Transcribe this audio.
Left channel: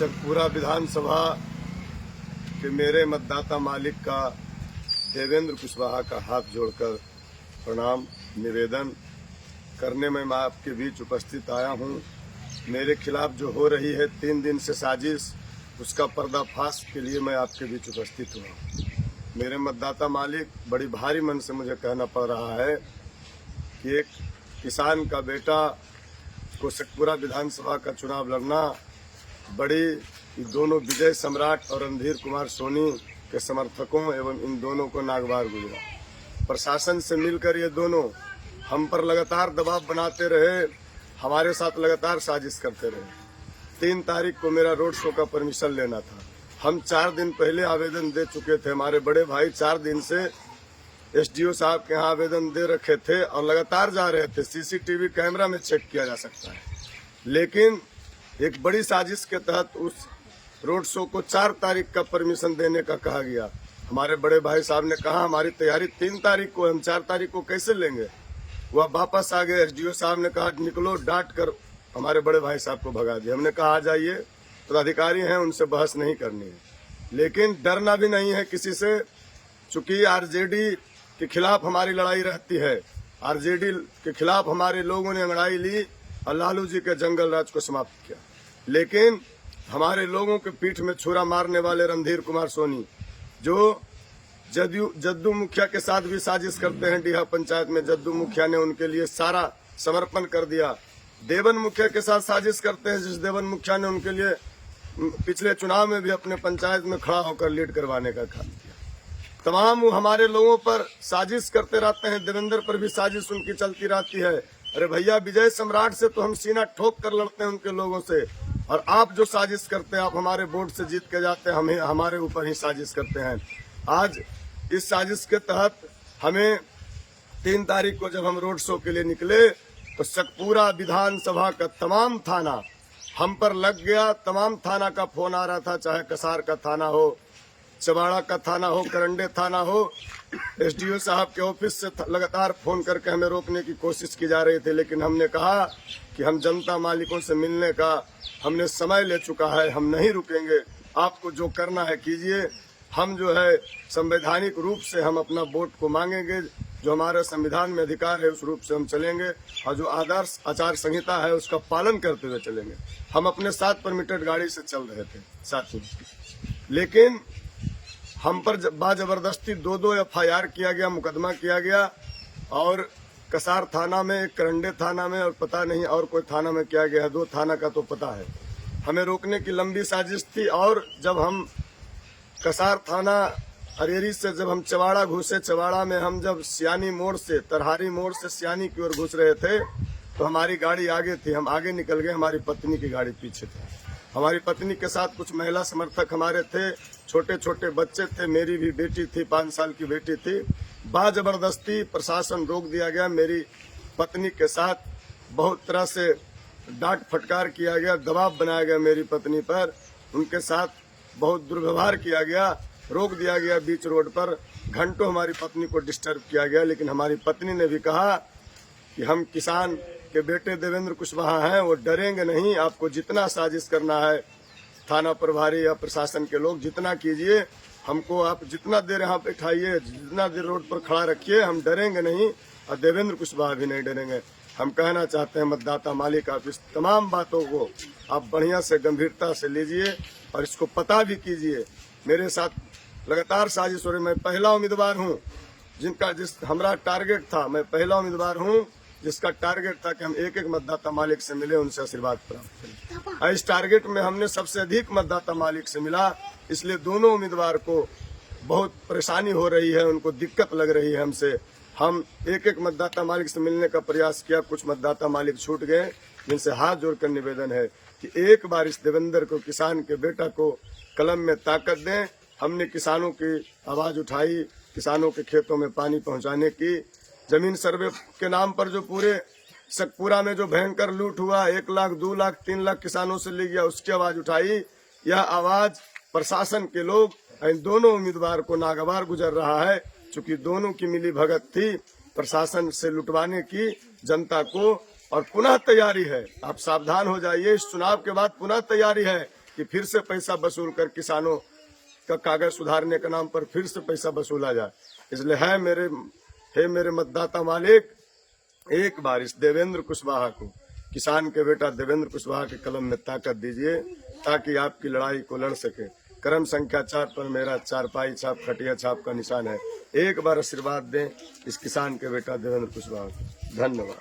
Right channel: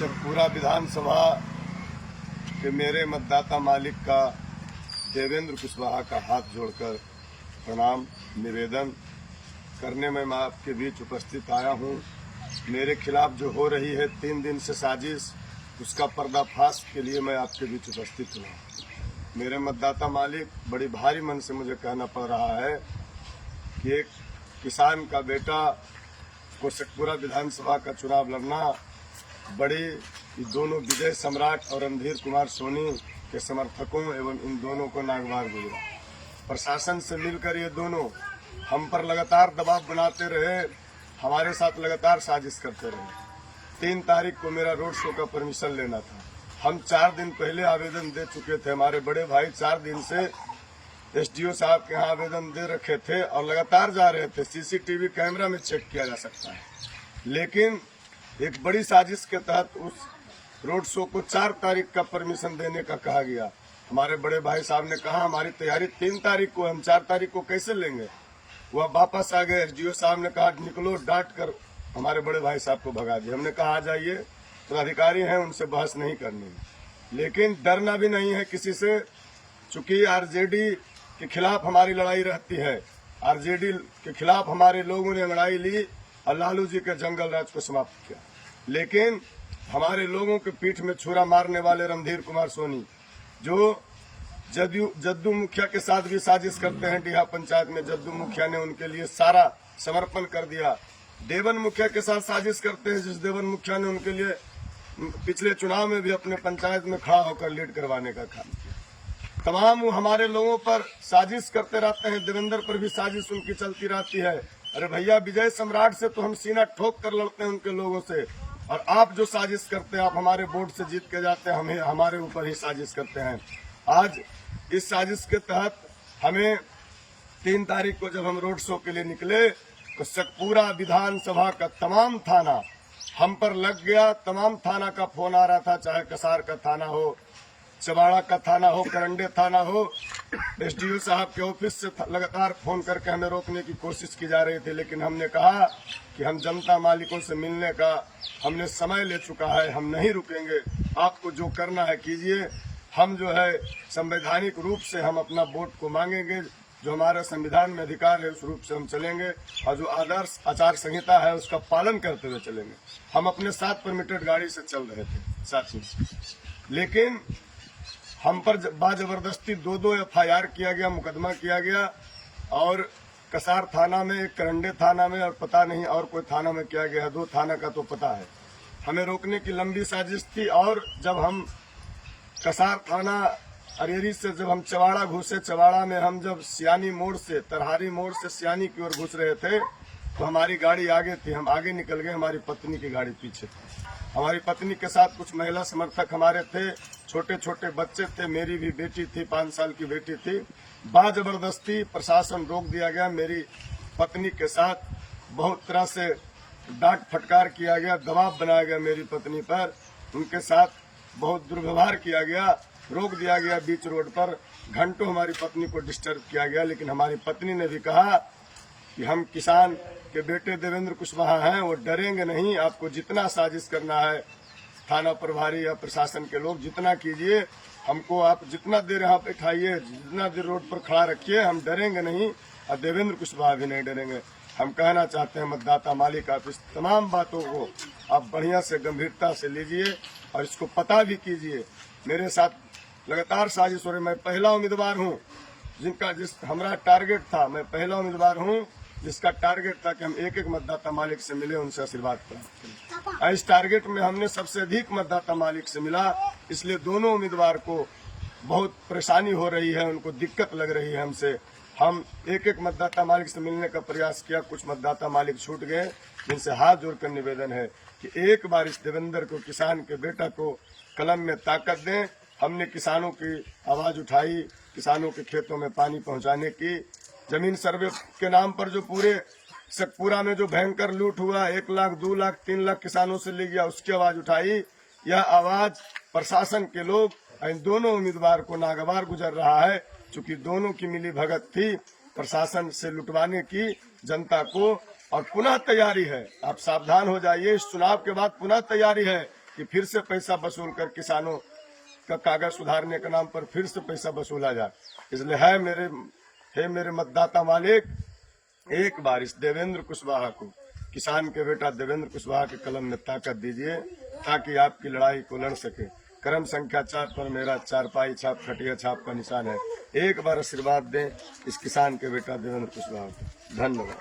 शेखपुरा विधानसभा के मेरे मतदाता मालिक का देवेंद्र कुशवाहा का हाथ जोड़कर प्रणाम निवेदन करने में मैं आपके बीच उपस्थित आया हूं। मेरे खिलाफ जो हो रही है 3 दिन से साजिश, उसका पर्दाफाश के लिए मैं आपके बीच उपस्थित हूं। मेरे मतदाता मालिक, बड़ी भारी मन से मुझे कहना पड़ रहा है कि एक किसान का बेटा को शेखपुरा विधानसभा का चुनाव लड़ना बड़ी दोनों विजय सम्राट और रणधीर कुमार सोनी के समर्थकों एवं इन दोनों को नागवार गुजरा। प्रशासन से मिलकर ये दोनों हम पर लगातार दबाव बनाते रहे, हमारे साथ लगातार साजिश करते रहे। 3 तारीख को मेरा रोड शो का परमिशन लेना था। हम 4 दिन पहले आवेदन दे चुके थे। हमारे बड़े भाई 4 दिन से एसडीओ साहब के यहाँ आवेदन दे रखे थे और लगातार जा रहे थे। सीसीटीवी कैमरा में चेक किया जा सकता है। लेकिन एक बड़ी साजिश के तहत उस रोड शो को 4 तारीख का परमिशन देने का कहा गया। हमारे बड़े भाई साहब ने कहा हमारी तैयारी 3 तारीख को, हम 4 तारीख को कैसे लेंगे। वह वापस आ गए। एसडीओ साहब ने कहा निकलो, डांट कर हमारे बड़े भाई साहब को भगा दिया। हमने कहा आ जाइए, तो अधिकारी हैं, उनसे बहस नहीं करनी है। लेकिन डरना भी नहीं है किसी से, चूंकि आरजेडी के खिलाफ हमारी लड़ाई रहती है। आरजेडी के खिलाफ हमारे लोगों ने लड़ाई ली और लालू जी के जंगल राज को समाप्त किया। लेकिन हमारे लोगों के पीठ में छुरा मारने वाले रणधीर कुमार सोनी, जो जद्दू मुखिया के साथ भी साजिश करते हैं, डीहा पंचायत में जद्दू मुखिया ने उनके लिए सारा समर्पण कर दिया। देवन मुखिया के साथ साजिश करते हैं, जिस देवन मुखिया ने उनके लिए पिछले चुनाव में भी अपने पंचायत में खड़ा होकर लीड करवाने का काम किया। तमाम हमारे लोगों पर साजिश करते रहते हैं। देवेंद्र पर भी साजिश उनकी चलती रहती है। अरे भैया, विजय सम्राट से तो हम सीना ठोक कर लड़ते हैं उनके लोगों से, और आप जो साजिश करते हैं, आप हमारे वोट से जीत के जाते हैं, हमें हमारे ऊपर ही साजिश करते हैं। आज इस साजिश के तहत हमें 3 तारीख को जब हम रोड शो के लिए निकले तो शेखपुरा विधानसभा का तमाम थाना हम पर लग गया। तमाम थाना का फोन आ रहा था, चाहे कसार का थाना हो, चबाड़ा का थाना हो, करंडे थाना हो। एसडीओ साहब के ऑफिस से लगातार फोन करके हमें रोकने की कोशिश की जा रही थी। लेकिन हमने कहा कि हम जनता मालिकों से मिलने का हमने समय ले चुका है, हम नहीं रुकेंगे। आपको जो करना है कीजिए। हम जो है संवैधानिक रूप से हम अपना वोट को मांगेंगे। जो हमारे संविधान में अधिकार है उस रूप से हम चलेंगे, और जो आदर्श आचार संहिता है उसका पालन करते हुए चलेंगे। हम अपने 7 परमिटेड गाड़ी से चल रहे थे साथी, लेकिन हम पर बाजबरदस्ती 2 FIR किया गया, मुकदमा किया गया। और कसार थाना में, एक करंडे थाना में, और पता नहीं और कोई थाना में किया गया। 2 थाना का तो पता है। हमें रोकने की लंबी साजिश थी। और जब हम कसार थाना अरेरी से जब हम चवाड़ा घुसे, चवाड़ा में हम जब सियानी मोड़ से, तरहारी मोड़ से सियानी की ओर घुस रहे थे, तो हमारी गाड़ी आगे थी, हम आगे निकल गए, हमारी पत्नी की गाड़ी पीछे थी। हमारी पत्नी के साथ कुछ महिला समर्थक हमारे थे, छोटे छोटे बच्चे थे, मेरी भी बेटी थी, 5 साल की बेटी थी। बाजबरदस्ती प्रशासन रोक दिया गया। मेरी पत्नी के साथ बहुत तरह से डांट फटकार किया गया, दबाव बनाया गया मेरी पत्नी पर, उनके साथ बहुत दुर्व्यवहार किया गया, रोक दिया गया बीच रोड पर। घंटों हमारी पत्नी को डिस्टर्ब किया गया। लेकिन हमारी पत्नी ने भी कहा कि हम किसान के बेटे देवेंद्र कुशवाहा हैं, वो डरेंगे नहीं। आपको जितना साजिश करना है, थाना प्रभारी या प्रशासन के लोग जितना कीजिए, हमको आप जितना देर यहाँ बैठाइए, जितना देर रोड पर खड़ा रखिए, हम डरेंगे नहीं, और देवेंद्र कुशवाहा भी नहीं डरेंगे। हम कहना चाहते हैं मतदाता मालिक, आप इस तमाम बातों को आप बढ़िया से गंभीरता से लीजिए और इसको पता भी कीजिए। मेरे साथ लगातार साजिश हो रही। मैं पहला उम्मीदवार हूँ जिस हमारा टारगेट था, मैं पहला उम्मीदवार हूँ जिसका टारगेट था कि हम एक मतदाता मालिक से मिले, उनसे आशीर्वाद प्राप्त करें। और इस टारगेट में हमने सबसे अधिक मतदाता मालिक से मिला, इसलिए दोनों उम्मीदवार को बहुत परेशानी हो रही है, उनको दिक्कत लग रही है हमसे। हम एक मतदाता मालिक से मिलने का प्रयास किया, कुछ मतदाता मालिक छूट गए, जिनसे हाथ जोड़कर निवेदन है कि एक बार इस देवेंद्र को, किसान के बेटा को, कलम में ताकत दें। हमने किसानों की आवाज उठाई, किसानों के खेतों में पानी पहुंचाने की। जमीन सर्वे के नाम पर जो पूरे शेखपुरा में जो भयंकर लूट हुआ, 1 लाख, 2 लाख, 3 लाख किसानों से ले गया, उसकी आवाज उठाई। यह आवाज प्रशासन के लोग इन दोनों उम्मीदवार को नागवार गुजर रहा है, चूंकि दोनों की मिली भगत थी प्रशासन से लुटवाने की जनता को। और पुनः तैयारी है, आप सावधान हो जाइए, इस चुनाव के बाद पुनः तैयारी है। कि फिर से पैसा वसूल कर किसानों का कागज सुधारने के नाम पर फिर से पैसा वसूला जाए। इसलिए है मेरे मतदाता मालिक, एक बार इस देवेंद्र कुशवाहा को, किसान के बेटा देवेंद्र कुशवाहा के कलम में ताकत दीजिए ताकि आपकी लड़ाई को लड़ सके। क्रम संख्या 4 पर मेरा चारपाई छाप खटिया छाप का निशान है। एक बार आशीर्वाद दें इस किसान के बेटा देवेंद्र कुशवाहा को। धन्यवाद।